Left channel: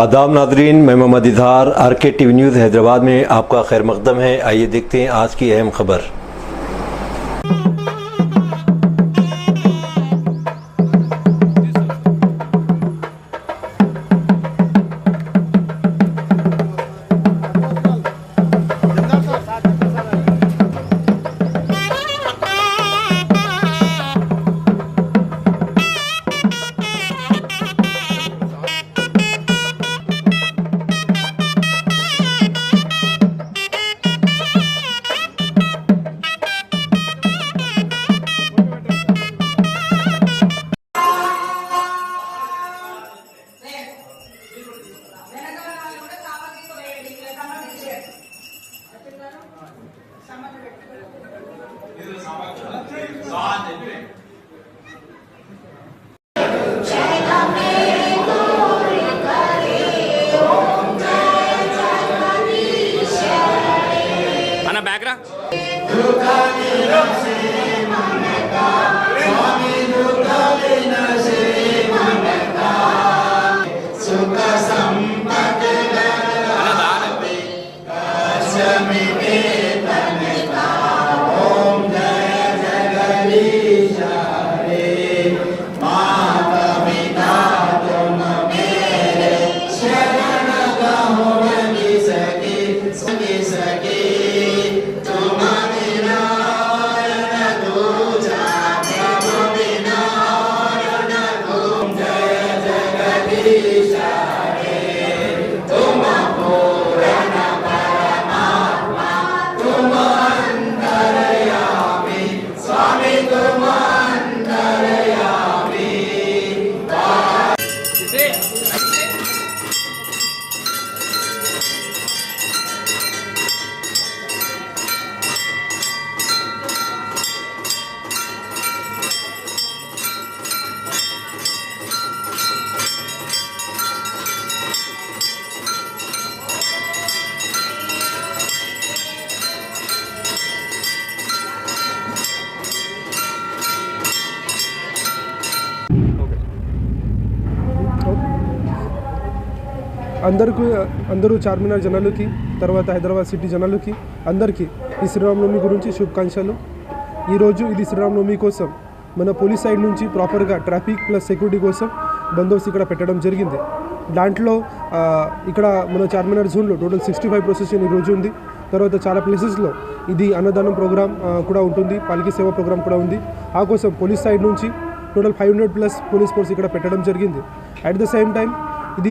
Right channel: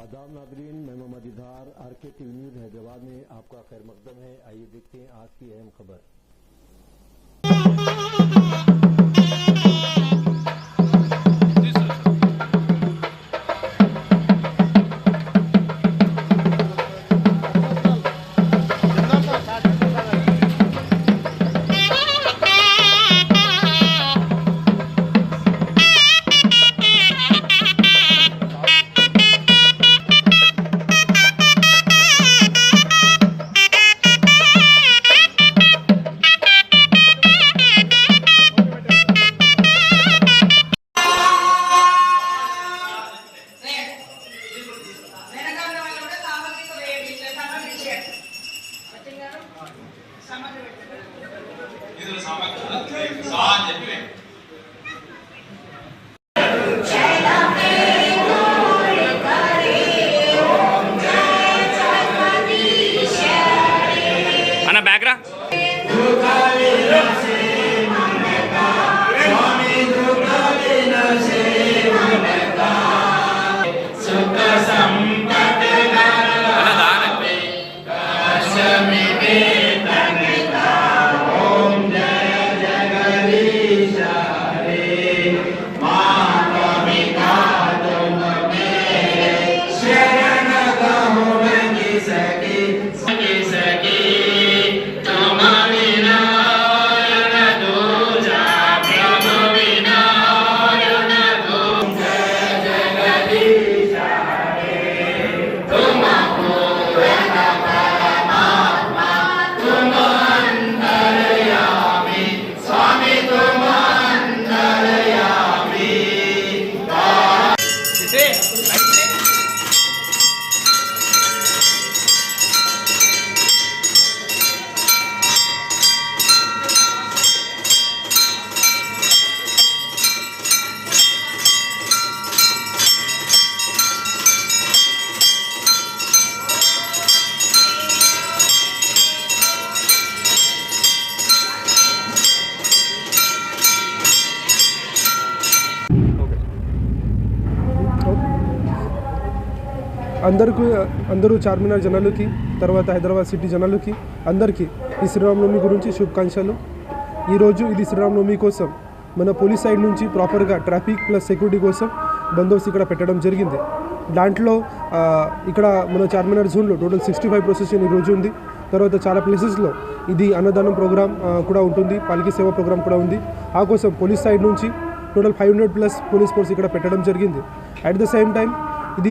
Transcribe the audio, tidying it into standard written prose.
आदाब नादरीन, मैं Mohammad Izhar RK TV news Hyderabad में आपका खैर मकदम है। आइए देखते हैं आज की अहम खबर। అన్న బ్యాక్రా అందరూ చార్మినార్ జనాలకి, తర్వాత హైదరాబాద్ సిటీ జనాలకి అందరికీ ఈ శ్రీరామనవమి గురించి శుభాకాంక్షలు. ఈరోజు ఇది శ్రీరామనవమి కోసం మన పోలీస్ సైడ్ నుంచి ప్రాపర్గా ట్రాఫిక్ ప్లస్ సెక్యూరిటీ కోసం బందోబస్తు ఇక్కడ పెట్టడం జరిగింది. దాంట్లో ఇక్కడ మన చార్మినార్ జోన్లో టోటల్ 65 ప్రొసెషన్ ఈరోజు ఉంది. తర్వాత చాలా ప్లేసెస్లో ఇది అన్నదానం ప్రోగ్రామ్ కూడా ఉంటుంది, పాలకీ సేవ ప్రోగ్రామ్ కూడా ఉంది. ఆ కోసం పోలీస్ సైడ్ నుంచి టోటల్ 500+ పోలీస్ ఫోర్స్ ఇక్కడ పెట్టడం జరిగింది. At the same time